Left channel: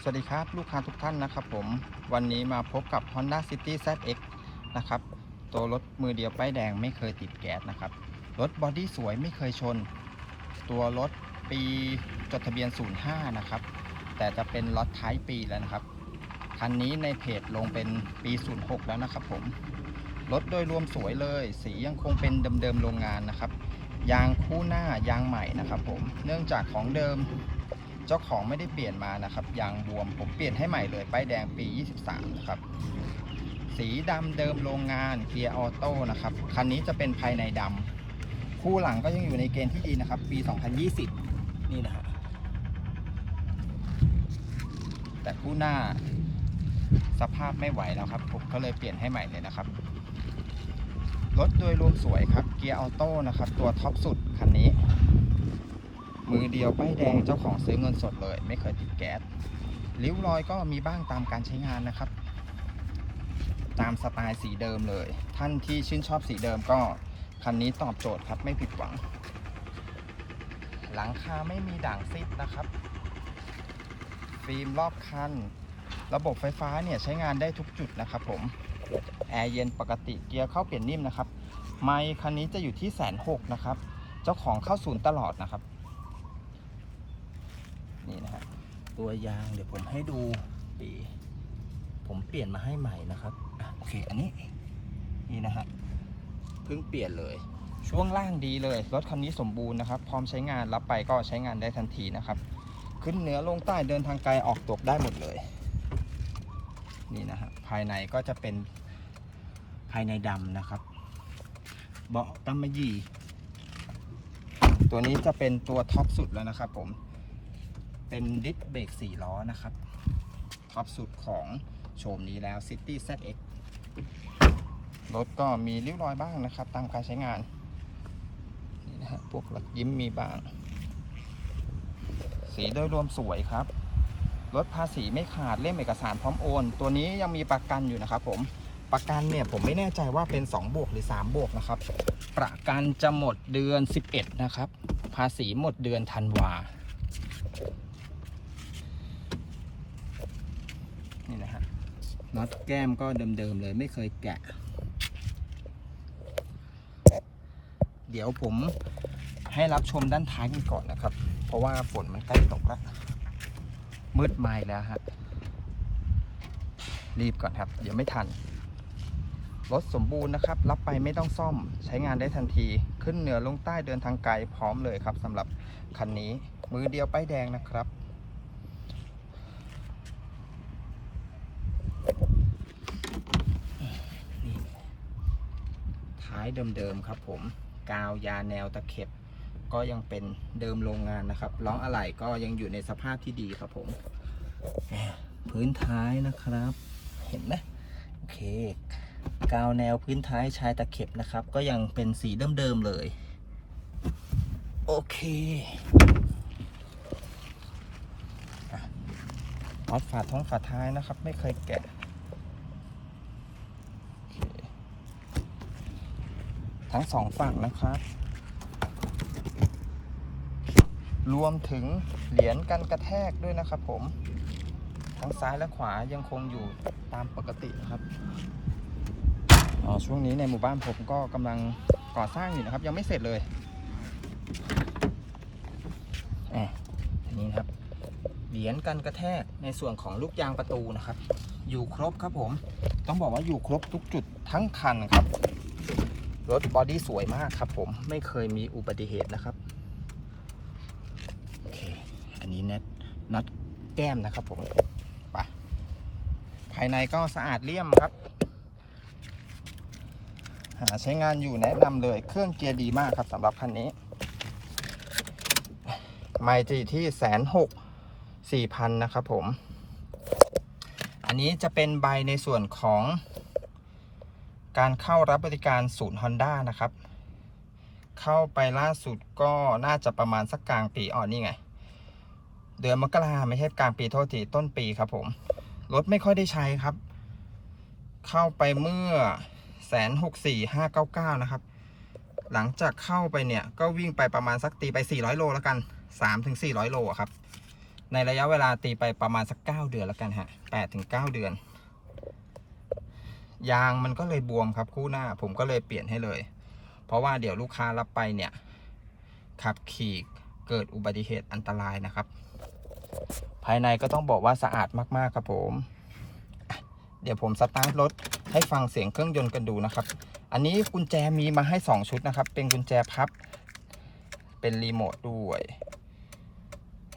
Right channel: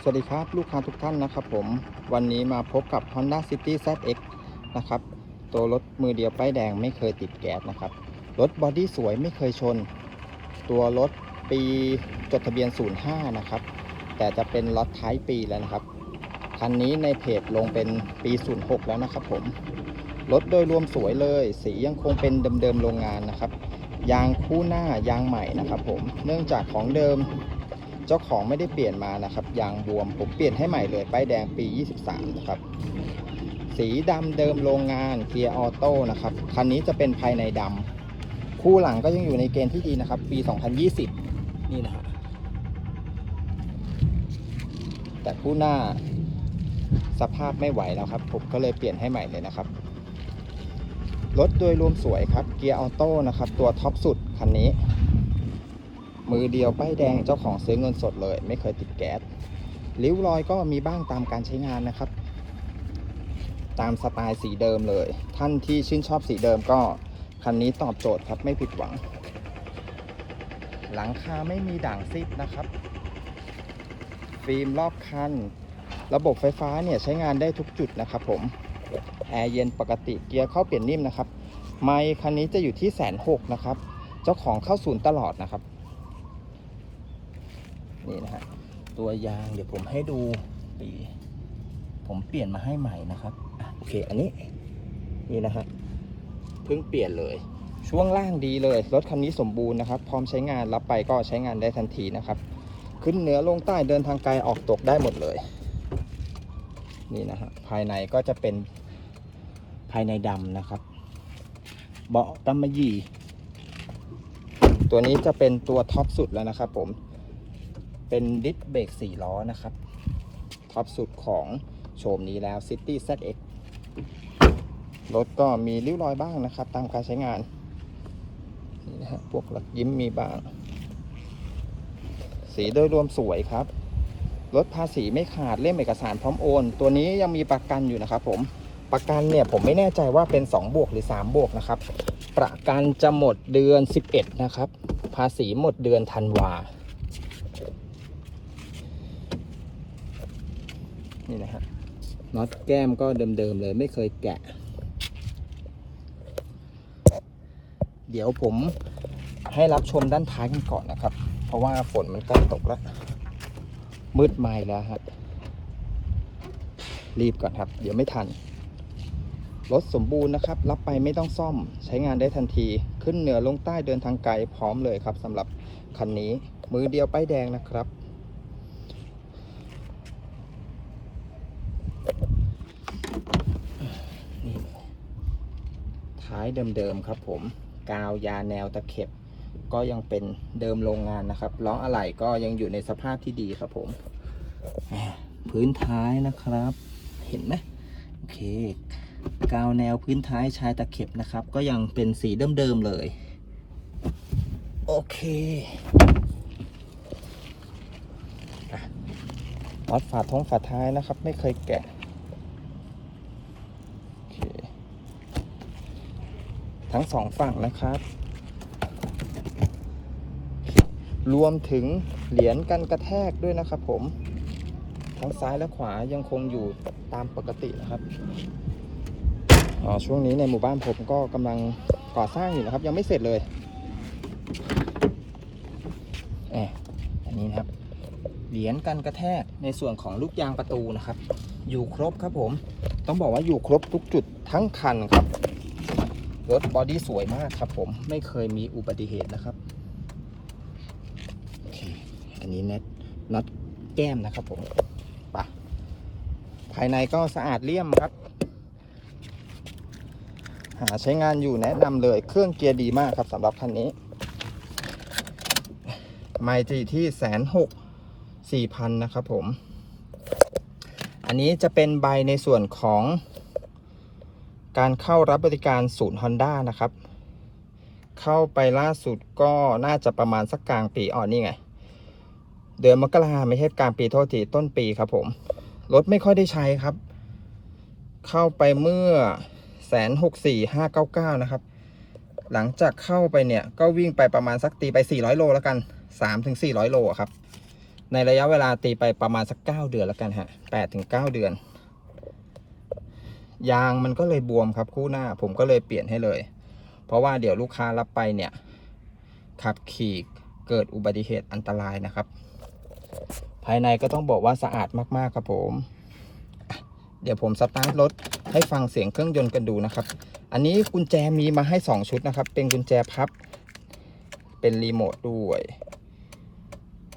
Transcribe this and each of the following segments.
สวัสดีครับลูกค้าทุกท่านนะครับผมวันนี้มาพบกับ Honda City ZX นะครับตัวรถมือเดียวป้ายแดงไม่เคยติดแก๊สนะครับรถบอดี้สวยไม่เคยชน ตัวรถปีจดทะเบียน 05 นะครับ แต่จะเป็นล็อตท้ายปีแล้วนะครับคันนี้ในเพจลงเป็นปี 06 แล้วนะครับผมรถโดยรวมสวยเลย สียังคงเป็นเดิมๆโรงงานนะครับยางคู่หน้ายางใหม่นะครับผมเนื่องจากของเดิม เจ้าของไม่ได้เปลี่ยนมานะครับ ยางบวมผมเปลี่ยนให้ใหม่เลย ป้ายแดงปี 23 นะครับ สีดำเดิมโรงงานเกียร์ออโต้นะครับ คันนี้จะเป็นภายในดำ คู่หลังก็ยังอยู่ในเกณฑ์ที่ดีนะครับ ปี 2020 นี่นะครับ แต่คู่หน้าสภาพไม่ไหวแล้วครับ ผมก็เลยเปลี่ยนให้ใหม่เลยนะครับ รถโดยรวมสวยครับ เกียร์ออโต้นะครับ ตัวท็อปสุดคันนี้ มือเดียวป้ายแดงเจ้าของซื้อเงินสดเลย ไม่เคยติดแก๊สริ้วรอยก็มีบ้างตามการใช้งานนะครับ ตามสไตล์สีเดิมเลย ท่านที่ชื่นชอบสีเดิมก็คันนี้ตอบโจทย์ครับไม่ผิดหวัง หลังคาไม่มีด่างซิดนะครับ ฟิล์มรอบคัน ระบบไฟฟ้าเนี่ยใช้งานได้ทุกจุดนะครับผมแอร์เย็นปกติเกียร์เข้าเปลี่ยนนิ่มนะครับ ไมค์คันนี้จะอยู่ที่แสนหกนะครับ เจ้าของเข้าศูนย์ตลอดนะครับ นี่นะฮะตัวยางเดี๋ยวผมให้ดูปีผมเปลี่ยนมาให้ใหม่นะครับอโอเคอันนี้นี่นะฮะเพิ่งเปลี่ยนเลย ช่วงล่างดีเลยรถคันนี้สมบูรณ์นะครับ พร้อมใช้งานรับไปก็ใช้งานได้ทันทีนะครับ ขึ้นเหนือลงใต้เดินทางไกลออกตกได้หมดเลย นี่นะฮะภายในก็จะเป็นภายในดำนะครับ เบาะกำมะยี่ตัวนี้จะเป็นตัวท็อปสุดแล้วนะครับผม เป็นดิสเบรก4ล้อนะครับ ท็อปสุดของโฉมนี้แล้ว City ZX รถก็มีริ้วรอยบ้างนะครับ ตามการใช้งาน นี่นะฮะพวกรถยิ้มมีบ้าง สีโดยรวมสวยครับรถภาษีไม่ขาดเล่มเอกสารพร้อมโอน ตัวนี้ยังมีประกันอยู่นะครับผมประกันเนี่ยผมไม่แน่ใจว่าเป็น 2 บวกหรือ 3 บวกนะครับ ประกันจะหมดเดือน 11 นะครับ ภาษีหมดเดือนธันวา นี่นะฮะน็อตแก้มก็เดิมๆเลยไม่เคยแกะ เดี๋ยวผมให้รับชมด้านท้ายกันก่อนนะครับ เพราะว่าฝนมันใกล้ตกแล้ว มืดไม่แล้วฮะรีบก่อนครับ เดี๋ยวไม่ทันรถสมบูรณ์นะครับ รับไปไม่ต้องซ่อมใช้งานได้ทันทีขึ้นเหนือลงใต้เดินทางไกลพร้อมเลยครับสำหรับคันนี้มือเดียวป้ายแดงนะครับ นี่ท้าย เดิมๆครับผมกาวยาแนวตะเข็บ ก็ยังเป็นเดิมโรงงานนะครับล้ออะไหล่ก็ยังอยู่ในสภาพที่ดีครับผมพื้นท้ายนะครับ เห็นไหมโอเค กาวแนวพื้นท้ายชายตะเข็บนะครับ ก็ยังเป็นสีเดิมๆเลย โอเคอะน็อตฝาท้องฝาท้ายนะครับ ไม่เคยแกะโอเค ทั้งสองฝั่งนะครับ รวมถึงเหรียญกันกระแทกด้วยนะครับผม ทั้งซ้ายและขวายังคงอยู่ตามปกตินะครับอ๋อช่วงนี้ในหมู่บ้านผมก็กำลังก่อสร้างอยู่นะครับ ยังไม่เสร็จเลยแออันนี้นะครับ เหรียญกันกระแทกในส่วนของลูกยางประตูนะครับ อยู่ครบครับผม ต้องบอกว่าอยู่ครบทุกจุดทั้งคันครับ รถบอดี้สวยมากครับผมไม่เคยมีอุบัติเหตุนะครับโอเคอันนี้เน็ตน็อตแก้มนะครับผมไปภายในก็สะอาดเลี่ยมครับ หาใช้งานอยู่แนะนำเลยเครื่องเกียร์ดีมากครับสำหรับคันนี้ไมล์จะอยู่ที่แสนหกสี่พันนะครับผม อันนี้จะเป็นใบในส่วนของ การเข้ารับบริการศูนย์ Honda นะครับ เข้าไปล่าสุดก็น่าจะประมาณสักกลางปีอ๋อนี่ไง เดือนมกราไม่ใช่กลางปีโทษทีต้นปีครับผม รถไม่ค่อยได้ใช้ครับ เข้าไปเมื่อแสนหกสี่ห้าเก้าเก้านะครับ หลังจากเข้าไปเนี่ย ก็วิ่งไปประมาณสักตีไป400โลแล้วกัน3-400โลอะครับ ในระยะเวลาตีไปประมาณสัก9เดือนแล้วกันฮะ8ถึง9เดือน ยางมันก็เลยบวมครับคู่หน้า ผมก็เลยเปลี่ยนให้เลย เพราะว่าเดี๋ยวลูกค้ารับไปเนี่ย ขับขี่เกิดอุบัติเหตุอันตรายนะครับ ภายในก็ต้องบอกว่าสะอาดมากๆครับผม เดี๋ยวผมสตาร์ทรถให้ฟังเสียงเครื่องยนต์กันดูนะครับ อันนี้กุญแจมีมาให้ 2 ชุดนะครับ เป็นกุญแจพับ เป็นรีโมทด้วย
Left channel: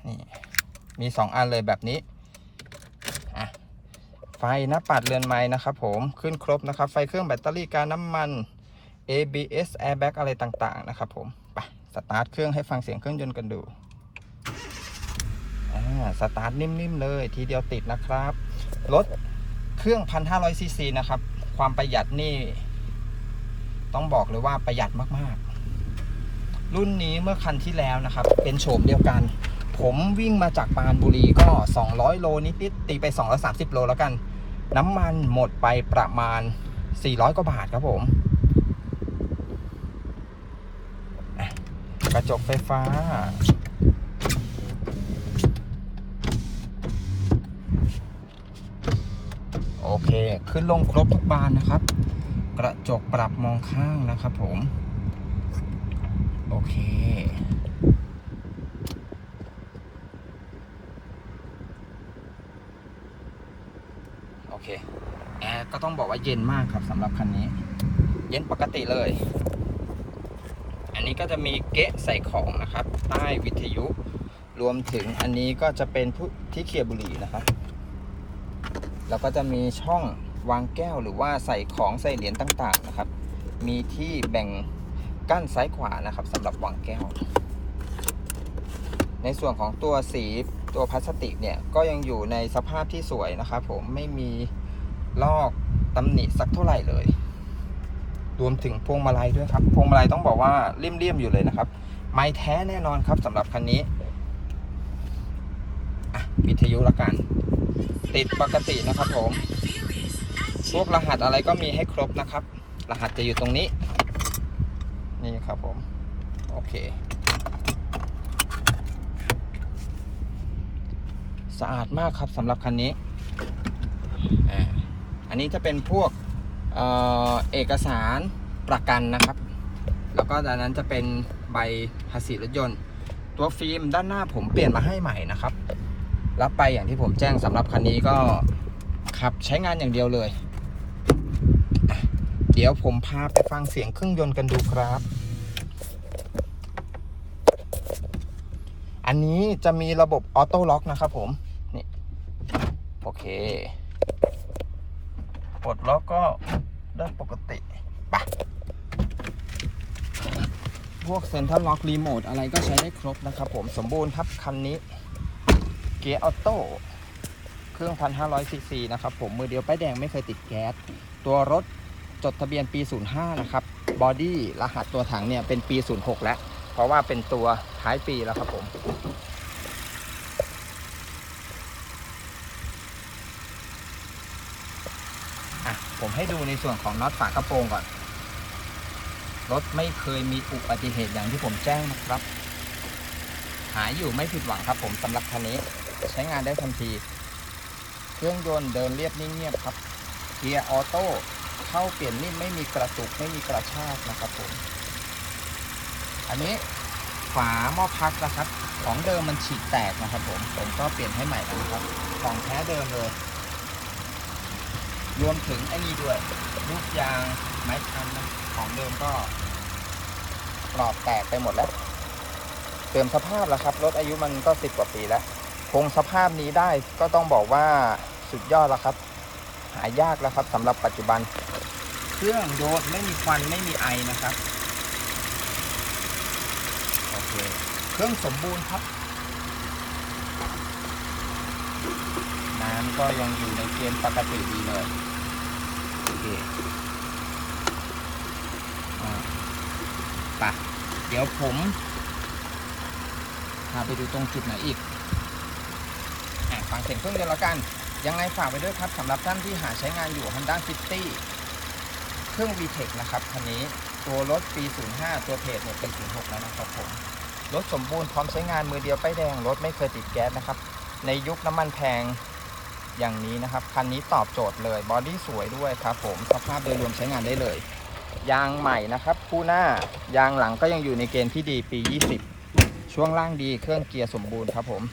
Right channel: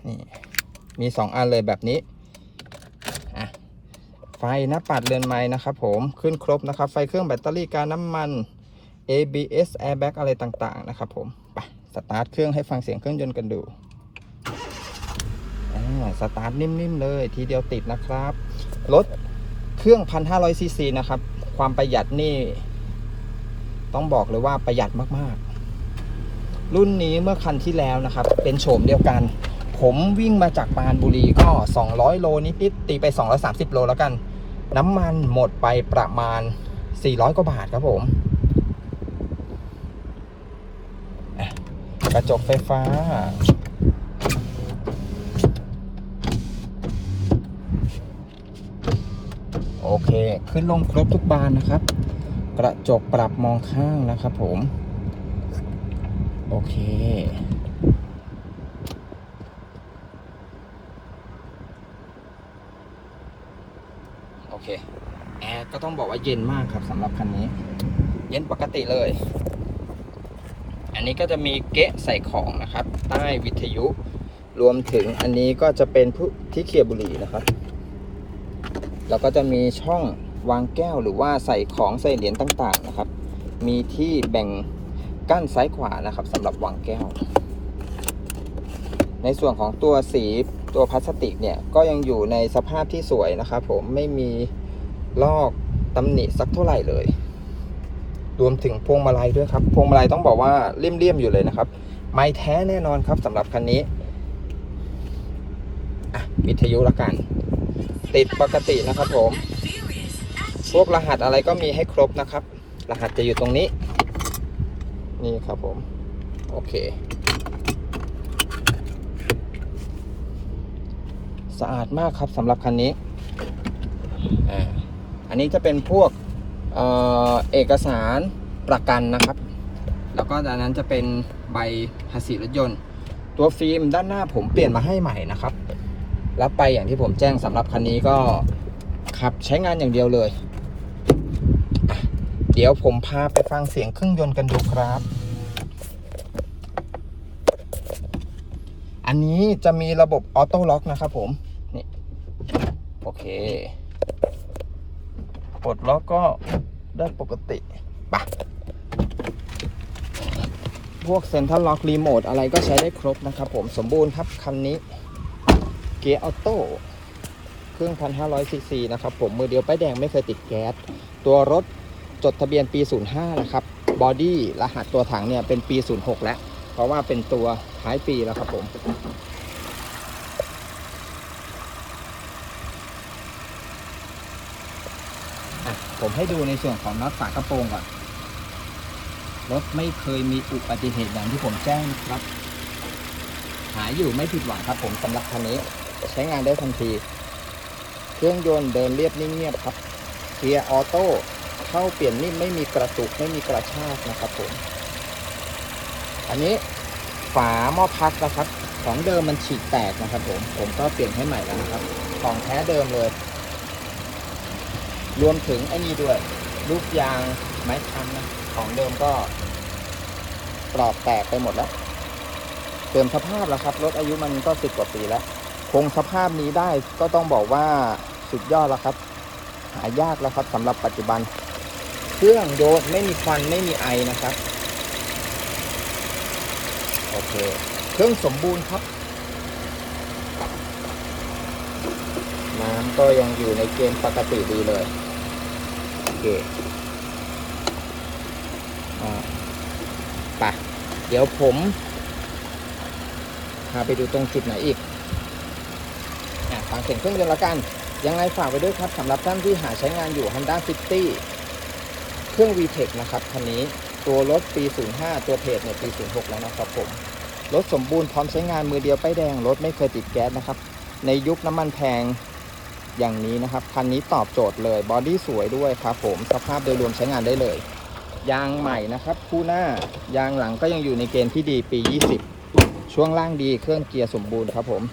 นี่ มี 2 อันเลยแบบนี้ ไฟหน้าปัดเรือนไม้นะครับผมขึ้นครบนะครับ ไฟเครื่องแบตเตอรี่การน้ำมัน ABS airbag อะไรต่างๆนะครับผมไปสตาร์ทเครื่องให้ฟังเสียงเครื่องยนต์กันดูอ่าสตาร์ทนิ่มๆเลยทีเดียวติดนะครับรถเครื่อง 1,500ซีซีนะครับ ความประหยัดนี่ ต้องบอกเลยว่าประหยัดมากๆ รุ่นนี้เมื่อคันที่แล้วนะครับ เป็นโฉมเดียวกัน ผมวิ่งมาจากปานบุรีก็ 200 โลนิดๆตีไป 230 โลแล้วกัน น้ำมันหมดไปประมาณ 400 กว่าบาทครับผม กระจกไฟฟ้า โอเค ขึ้นลงครบทุกบานนะครับ กระจกปรับมองข้างนะครับผม โอเค โอ เคแอร์ก็ต้องบอกว่าเย็นมากครับสำหรับคันนี้ เย็นปกติเลย อันนี้ก็จะมีเกะใส่ของนะครับ ใต้วิทยุ รวมถึงอันนี้ก็จะเป็นผู้ที่เคียบุหรี่นะครับ แล้วก็จะมีช่องวางแก้วหรือว่าใส่ของใส่เหรียญต่างๆนะครับ มีที่แบ่งกั้นซ้ายขวานะครับสำหรับวางแก้ว ในส่วนของตัวสีตัวพลาสติกเนี่ยก็ยังอยู่ในสภาพที่สวยนะครับผมไม่มีลอกตำหนิสักเท่าไหร่เลย รวมถึงพวงมาลัยด้วยครับ พวงมาลัยต้องบอกว่าเลี่ยมๆอยู่เลยนะครับ ไม้แท้แน่นอนครับสำหรับคันนี้วิทยุละกัน ติดปกตินะครับผม พวกรหัสอะไรก็มีให้ครบนะครับ รหัสจะอยู่ตรงนี้ นี่ครับผม โอเค สะอาดมากครับสำหรับคันนี้อ่าอันนี้จะเป็นพวกเอ่อเอกสารประกันนะครับ แล้วก็ด้านนั้นจะเป็นใบภาษีรถยนต์ ตัวฟิล์มด้านหน้าผมเปลี่ยนมาให้ใหม่นะครับ รับไปอย่างที่ผมแจ้งสำหรับคันนี้ก็ขับใช้งานอย่างเดียวเลยอะเดี๋ยวผมพาไปฟังเสียงเครื่องยนต์กันดูครับ อันนี้จะมีระบบออโต้ล็อกนะครับผมนี่โอเคปลดล็อกก็ได้ปกติปะพวกเซ็นทรัลล็อกรีโมทอะไรก็ใช้ได้ครบนะครับผมสมบูรณ์ครับคันนี้ เกียร์ออโต้เครื่อง1,500ซีซีนะครับผมมือเดียวป้ายแดงไม่เคยติดแก๊ส ตัวรถจดทะเบียนปี 05 นะครับบอดี้รหัสตัวถังเนี่ยเป็นปี 06 แล้ว เพราะว่าเป็นตัวท้ายปีแล้วครับผม อะ ผมให้ดูในส่วนของน็อตฝากระโปรงก่อน รถไม่เคยมีอุบัติเหตุอย่างที่ผมแจ้งนะครับ หายอยู่ไม่ผิดหวังครับ ผมสำหรับคันนี้ ใช้งานได้ทันที เครื่องยนต์เดินเรียบนิ่งเงียบครับ เกียร์ออโต้เข้าเปลี่ยนนิ่มไม่มีกระตุกไม่มีกระชากนะครับผม อันนี้ฝาหม้อพักนะครับ ของเดิมมันฉีกแตกนะครับผม ผมก็เปลี่ยนให้ใหม่แล้วนะครับ ของแท้เดิมเลย รวมถึงไอ้นี่ด้วย ลูกยางไม้คันนะของเดิมก็ปลอกแตกไปหมดแล้วเต็มสภาพแล้วครับรถอายุมันก็สิบกว่าปีแล้วคงสภาพนี้ได้ก็ต้องบอกว่าสุดยอดแล้วครับ หายากแล้วครับสำหรับปัจจุบัน เครื่องโดดไม่มีควันไม่มีไอนะครับ โอเค เครื่องสมบูรณ์ครับน้ำ ก็ยังอยู่ในเกณฑ์ปกติดีเลยโอเคอ่าไปะเดี๋ยวผมพาไปดูตรงจุดไหนอีกอะฟังเสียงเครื่องยนต์ละกัน ยังไงฝากไว้ด้วยครับสำหรับท่านที่หาใช้งานอยู่ Honda City เครื่อง VTEC นะครับคันนี้ตัวรถปี 05 ตัวเพจเนี่ยปี 06 แล้วนะครับผม รถสมบูรณ์พร้อมใช้งานมือเดียวป้ายแดง รถไม่เคยติดแก๊สนะครับ ในยุคน้ำมันแพง อย่างนี้นะครับ คันนี้ตอบโจทย์เลยบอดี้สวยด้วยครับผมสภาพโดยรวมใช้งานได้เลย ยางใหม่นะครับ คู่หน้ายางหลังก็ยังอยู่ในเกณฑ์ที่ดีปี 20 ช่วงล่างดีเครื่องเกียร์สมบูรณ์ครับผม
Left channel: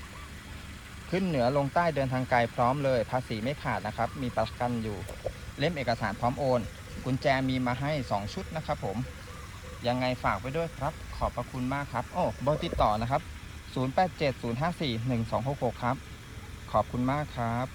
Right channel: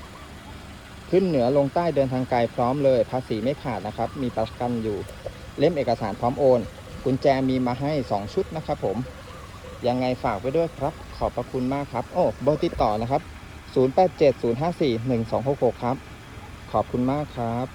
ขึ้นเหนือลงใต้เดินทางไกลพร้อมเลย ภาษีไม่ขาดนะครับ มีประกันอยู่เล่มเอกสารพร้อมโอนกุญแจมีมาให้ 2 ชุดนะครับผม ยังไงฝากไว้ด้วยครับ ขอบพระคุณมากครับ โอ้เบอร์ติดต่อนะครับ 0870541266 ครับ ขอบคุณมากครับ